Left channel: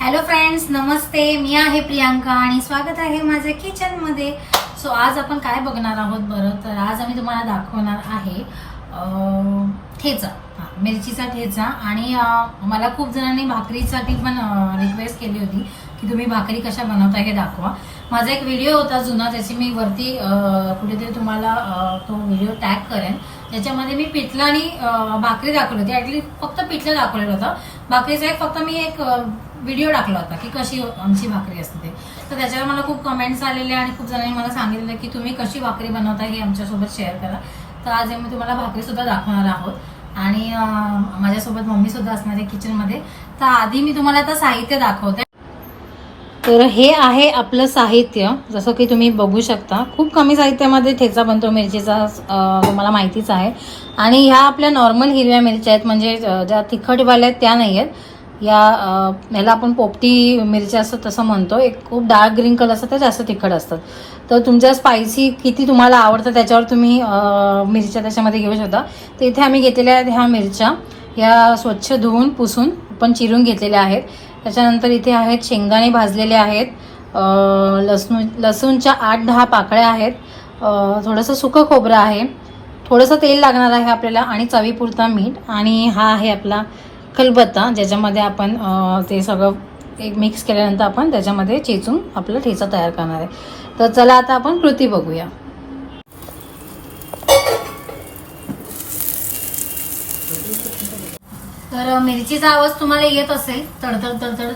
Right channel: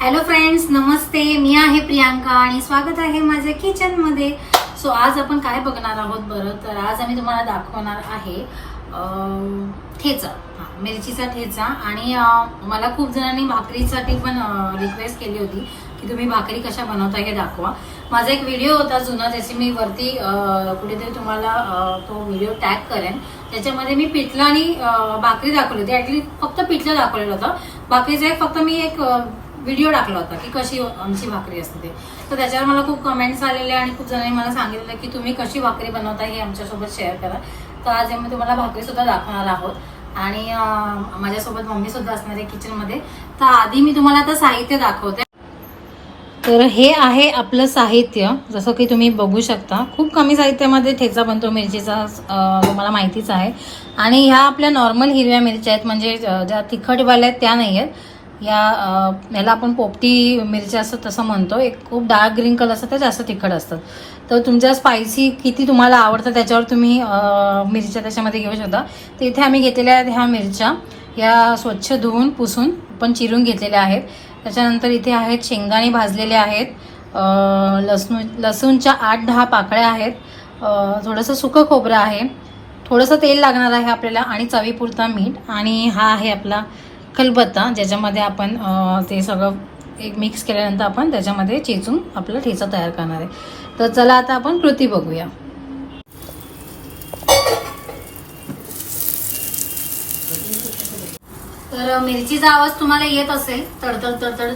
Hello friends, नमस्ते. मी आहे प्रियांका आणि स्वागत आहे माझ्या किचन मध्ये. सो आज आपण काय बघणार आहोत बरं, तर आज आम्ही तुम्हाला दाखवणार आहे ठेचा, मिरचीचा ठेचा. आणि मला खूप जणांनी भाकरीसाठी पण रिक्वेस्ट केली होती की तुम्ही भाकरी कशा बनवता हे दाखवा. माझा एक व्हिडिओ होता जुना, ज्याची मी वरती कुठेतरी तुम्हाला तो व्हिडिओ टॅग करेन. त्याच्यामध्ये मी पिठलं आणि भाकरी दाखवली होती. ऍटलीस्ट फक्त पिठलं दाखवलेलं होतं. भाकरीचा एक फक्त मी एक व्हिडिओ टाकला होता की कशी आमची भाकरी असते ते. तर त्याच्यावर मला खूप कमेंट्स आलेले आणि खूप जणांनी मला सांगितलं की तुम्ही कशी भाकरी बनवता हे आमच्यासोबत शेअर करा. तर आज आम्ही तुम्हाला भाकरी सुद्धा दाखवणार आहोत आणि माझ्यासोबत मम्मी सुद्धा असणार आहे किचन मध्ये. तर आधी मी तुम्हाला आता साहित्य दाखवते. तर हे आहे आपलं साहित्य. जसं की तुम्ही बघू शकता, खूप कमी साहित्यामध्ये ठेचा बनतो मिरचीचा, तुम्हाला माहितीच आहे. आणि ह्या आपल्या नॉर्मल हिरव्या मिरच्या आहेत, म्हणजे ज्या तिखटवाल्या आहेत त्या नाही आहेत. याला आपण पोपटी मिरच्या असं तसं म्हणतो. एक खूप डार्क ग्रीन कलर असतात, त्या जास्त तिखट असतात. तर तुमच्या स्पायसी किती तुम्हाला आवडतं त्याच्यावर तुम्ही मिरच्या त्याच्यामध्ये घेऊ शकता. तर इथे आम्ही घेतलेल्या आहेत ह्या मिरच्या. या स्वच्छ धुवून पुसून पण चिरून घेतलेल्या आहेत. त्याच्यानंतर इथे आहेत शेंगदाणे भाजलेले आहेत, लसूणच्या 8-10 पाकळ्या आहेत, थोडंसं सुकं खोबरं आहे, थोडंसं तेल लागणार आहे आपल्याला आणि चवीपुरता मीठ. आणि हा आहे आपला खलबत्ता, ज्याच्यामध्ये आपण ते सगळं एक मिक्स केल्यानंतर आपण त्याच्यामध्ये चेचून आपला ठेचा तयार करणार आहे. तर चला आता आपण कृती बघूया. तर मिरचीचा आवाज तुम्हाला येत असेल तडतड तडतड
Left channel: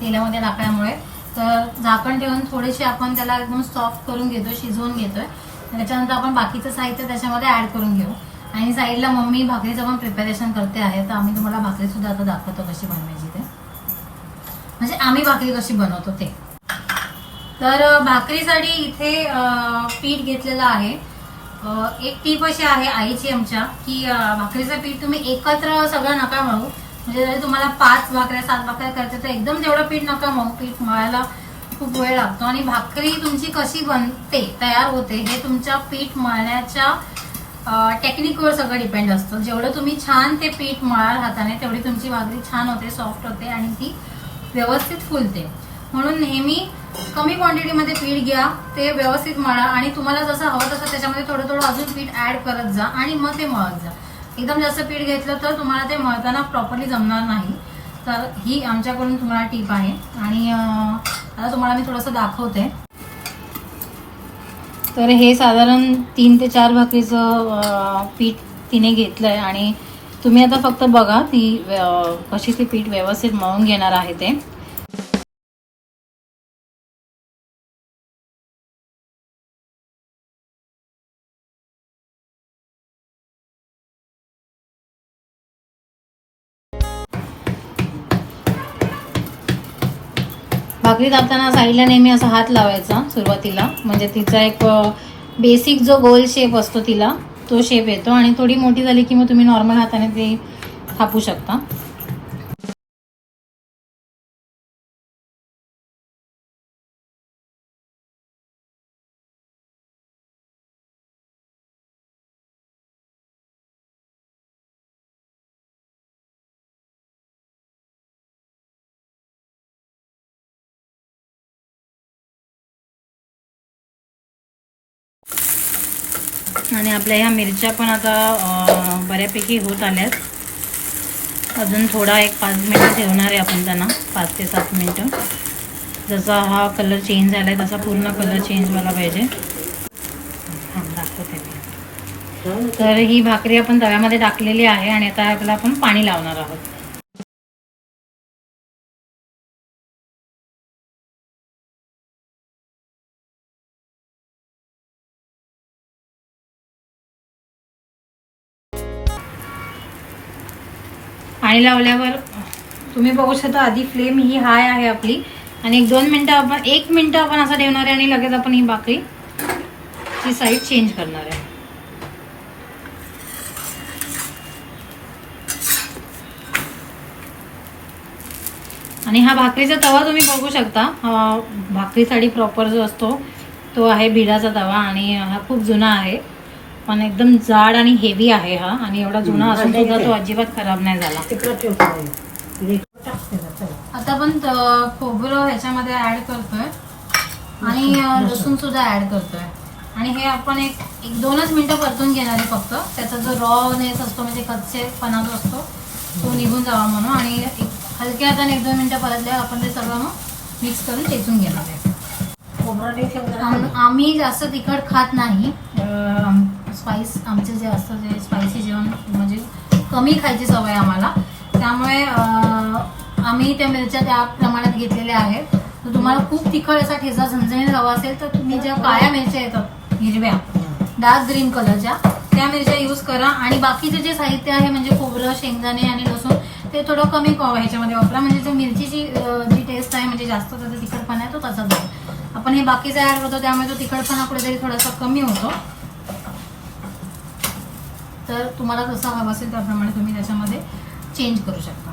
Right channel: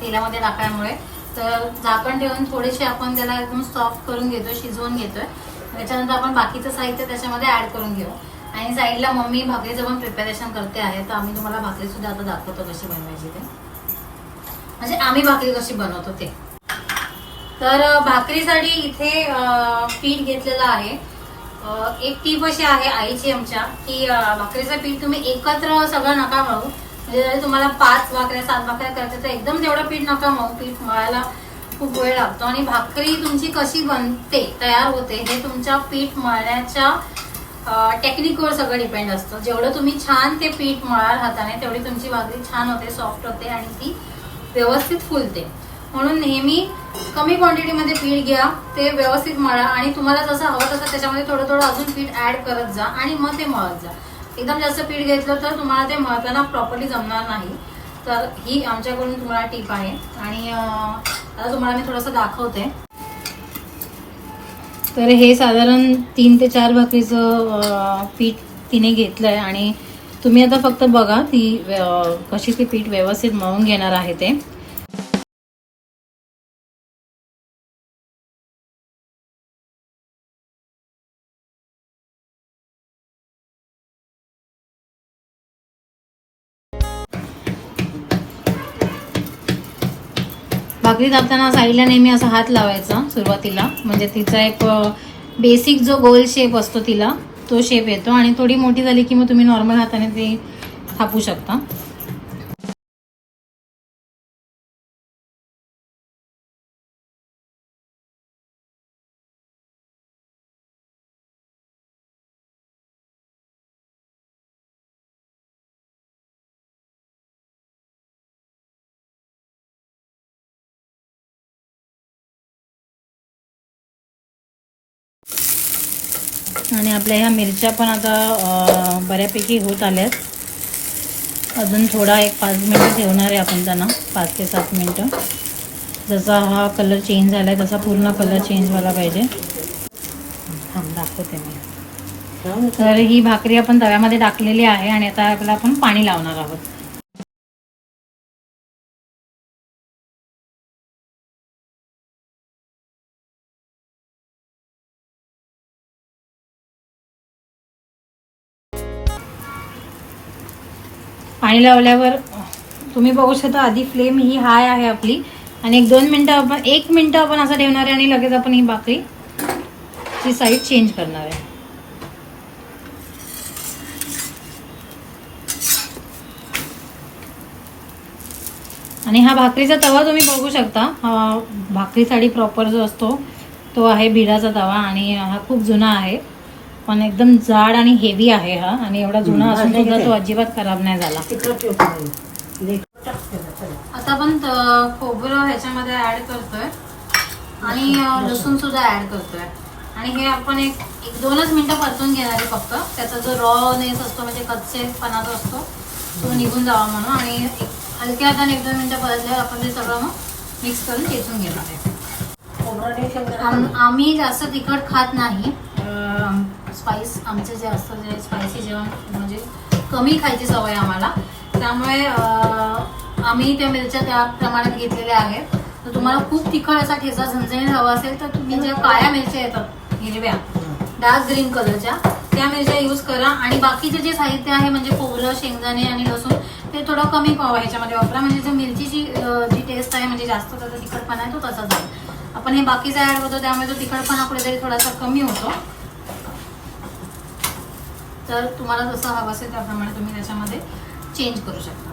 तेलामध्ये टाकल्यामुळे. तर झाकण ठेवून थोडेसे आपण त्याला एकदम सॉफ्ट करून घेतो, शिजवून घेतोय. त्याच्यानंतर आपण बाकीचं साहित्य त्याच्यामध्ये ऍड करून घेऊ. आणि साईडला मम्मी भाकरीचं पण प्रिपरेशन करते आहे. तर आम्ही तुम्हाला भाकरी सुद्धा आता दाखवतो कशी बनवायची ते, म्हणजे आम्ही भाकरी कशी बनवतो ते. तर भाकरीसाठी इथे पीठ घेतलेलं आहे. एक टीप अशी आहे आईची आमच्या की भाकरीचं पीठ तुम्ही एकत्र सगळं नका मळू. म्हणजे जरी तुम्हाला 5 भाकऱ्या 7 भाकऱ्या करायचं तर एकदम तेवढं पीठ नका मळू. पीठ मळायला खूप वेळ लागतो आणि भाकरी तुमची कशी बनते, तयार होते, हे तुमच्या पीठ मळण्याच्या टेक्निकवर सगळं डिपेंड असतं. जेवढं तुम्ही छान ते पीठ मळाल हाताने, तेवढी तुमची भाकरी छान होते, सॉफ्ट होते आणि ती व्यवस्थित फुलते. म्हणून नेहमी कमी क्वांटिटीमध्ये पीठ घ्या, ते व्यवस्थित मळा आणि तुम्हाला जसं हवं तसं त्याच्यामध्ये थोडं थोडं अजून पीठ ऍड करत जा आणि मग ते मळत जा. एकदम जास्त पीठ घेतलं तर तुम्हाला ते मळताना प्रॉपरली जमणार नाही. तर ही आमच्याकडून तुम्हाला टीप आहे. आणि आता तुम्हाला मी थोडंसं दाखवते. तर हे साधारण 3 ते 4 भाकरीचं पीठ तिने घेतलंय आणि तुम्ही आता फक्त बघा ती कशी ते पीठ व्यवस्थित मळून घेणार आहे ते. भाकरी दाबताना साईडला नेहमी असा हात लावायचा सुरुवातीला, म्हणजे तिचा एक बेसिक जो गोल शेप असतो तिला तो शेप येतो. आणि थोडी मोठी झाली की मग तुम्ही नॉर्मल हाताने ते थापू शकता. आणि आपल्या ह्या मिरच्या पण आता बऱ्यापैकी होत आल्यात. अजून थोडा एक 5 मिनिटं ठेवणार आहे आपण त्यांना, 5 ते 7 मिनिटं. जसा हा कलर चेंज झाला आहे तसा पूर्ण कलर चेंज व्हायला पाहिजे. दाखवते मी. तर ही भाकरी आपण तव्यामध्ये टाकलेली आहे आणि आता आपल्याला आपण पाणी लावणार आहोत. पाणी लावल्यावर तुम्ही बघू शकता आधी फ्लेम ही हाय आहे आपली. आणि 1 मिनिटं आपण असं ठेवणार आहे आणि लगेच आपण ही भाकरी ची साईड चेंज करणार आहे. आणि हा भाकरीचा तवा तुम्ही बघू शकता, हा भाकरीसाठी प्रॉपर जो असतो तो आहे भिडाचा तवा. आणि हा खूप जुना आहे, पण एकदम जाड आणि हेवी आहे हा. आणि एवढा जुना असून सुद्धा तो अजिबात खराब नाही झाला. आता आपण खोबरं ह्याच्यामध्ये ऍड करतोय आणि लसूण सुद्धा ऍड करतोय आणि हे आपण एक 2च मिनिटं परतून घेणार आहे फक्त. त्याचा जो रॉनेस असतो म्हणजे कच्चेपणा जो असतो तो निघून जावा म्हणून. आणि हलक्या हाताने 1-2 मिनिटं परतल्यावर आपण ते सगळं मग मिक्स करून ठेचून घेणार आहे. आम्ही जास्त तिखट खात नाही. स्पाइस आमचे जे असतं जे स्पायसी जेवण म्हणजे कमी खायची सवय आम्हाला, त्यामुळे आम्ही त्या मिरच्या त्या प्रमाणात घेतलेल्या आहेत. तर तुम्हाला खूप तिखट असा ठेचा झणझणीत हवा असेल तर तुम्ही ज्या काळ्या मिरच्या येतात हिरव्या डार्क ग्रीन कलरच्या त्या मिरच्या यूज करा. आणि बाकीचे जे साहित्य आहे म्हणजे खोबरं, शेंगदाणे आणि लसूण ते थोडं कमी ह्याच्यामध्ये वापरा. म्हणजे जे मिरचीची जी टेस्ट आहे म्हणजे जास्त त्याचा तिखटपणा आहे तो तसाच आहे. आपण हे बाकीचं ऍड करतो त्यामुळे तो तिखटपणा कुठेतरी थोडासा कमी होतो. तर तुम्हाला जसं हवं असेल त्याप्रमाणे तुम्ही त्याच्यामध्ये चेंज करू शकता.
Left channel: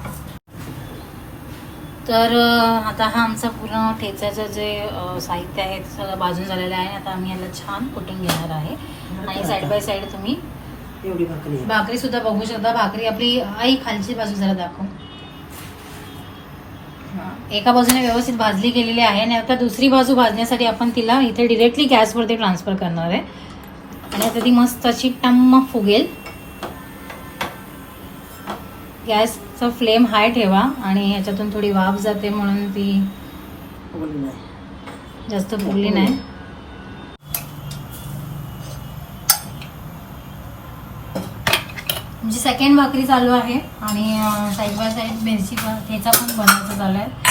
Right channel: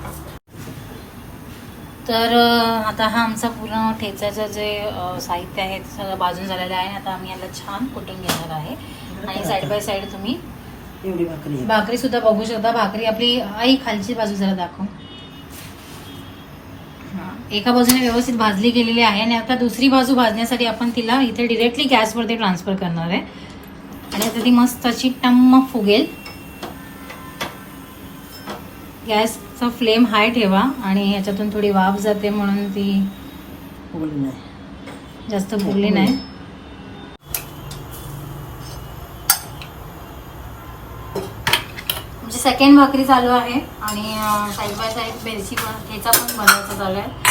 तर आता हा आमचा पूर्ण ठेचाचं जे साहित्य आहे ते सगळं भाजून झालेलं आहे. आता आम्ही याला छान कुटून घेणार आहे. आणि साईड बाय साईड तुम्ही भाकरी सुद्धा बघू शकता. भाकरी आपली आई खालची बाजू जरा दाखव. एका बाजूने व्यवस्थित भाजली गेलेली आहे आणि आता दुसरी बाजू भाजण्यासाठी आपण तिला इथे डिरेक्टली गॅसवरती ट्रान्सफर करणार आहे. आणि आता ती मस्त अशी टम्म फुगेल. गॅसचा फ्लेम हाय ठेवा आणि ह्याच्यातून थोडी वाफ जाते म्हणून ती जास्त फुगली नाही. म्हणजे सेकंड भाकरी चालू आहे आणि साईड बाय साईड मिरची ठेचा पण बनवायचा चालू आहे.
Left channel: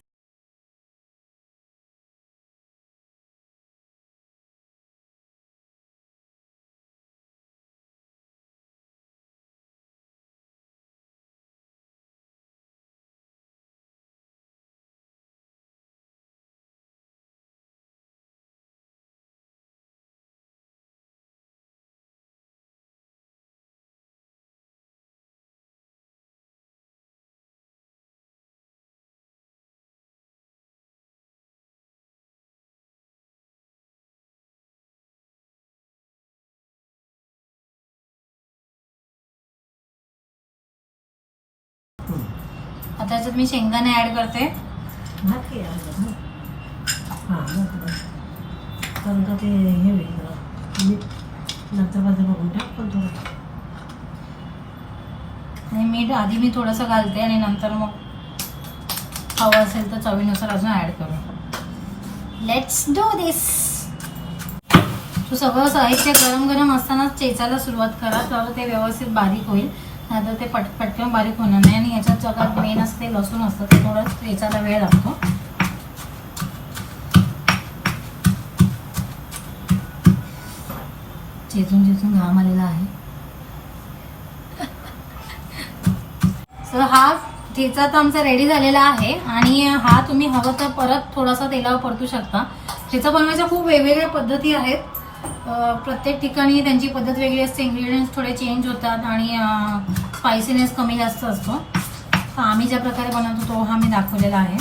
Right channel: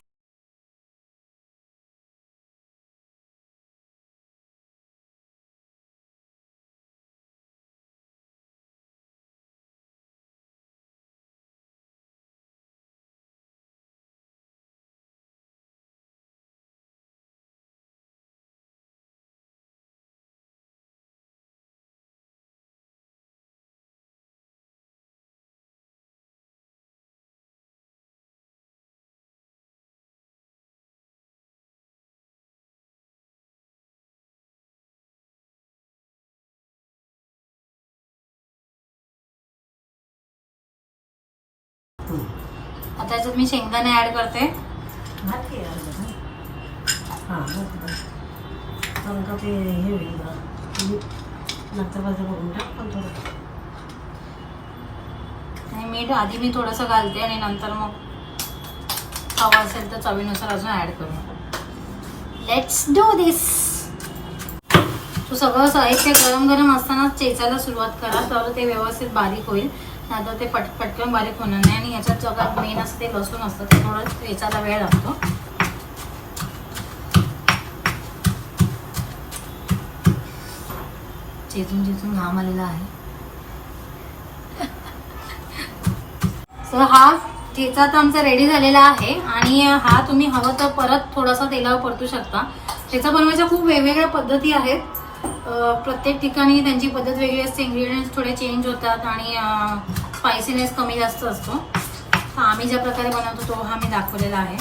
आता त्याच्यात मी शेंगदाणे ऍड करते. मीठ आधी मी थोडंसं घालते आणि नंतर मग हवं असेल तर चवीनुसार अजून ऍड करू. लेट्स डू दिस. तो सगळं साहित्य गरम गरम असताना चेचायला सुरुवात करा तर ते व्यवस्थित बारीक होईल. आता ते पटकन बारीक होणार नाही. आणि याच्यात जगात मेन असते लसूण असतं ते थोडं चेचायला वेळ लागतो. चेचून घाम आलेला आहे. सो हा ठेचा तर आमचा रेडी झालेला आहे आणि हा तुम्ही हवं तर परत थोडासा तेलावर परतू शकता. ठेचा बनवायच्या खूप वेगवेगळ्या पद्धती आहेत. प्रत्येक ठिकाणी त्यांची पद्धत वेगळी असते. इन्ग्रेडियंट्स थोडे चेंज होतात आणि स्पायसीनेस कमी जास्त असतो. आम्ही ज्या प्रकारे बनवतो तो हा मी दाखवलेला आहे.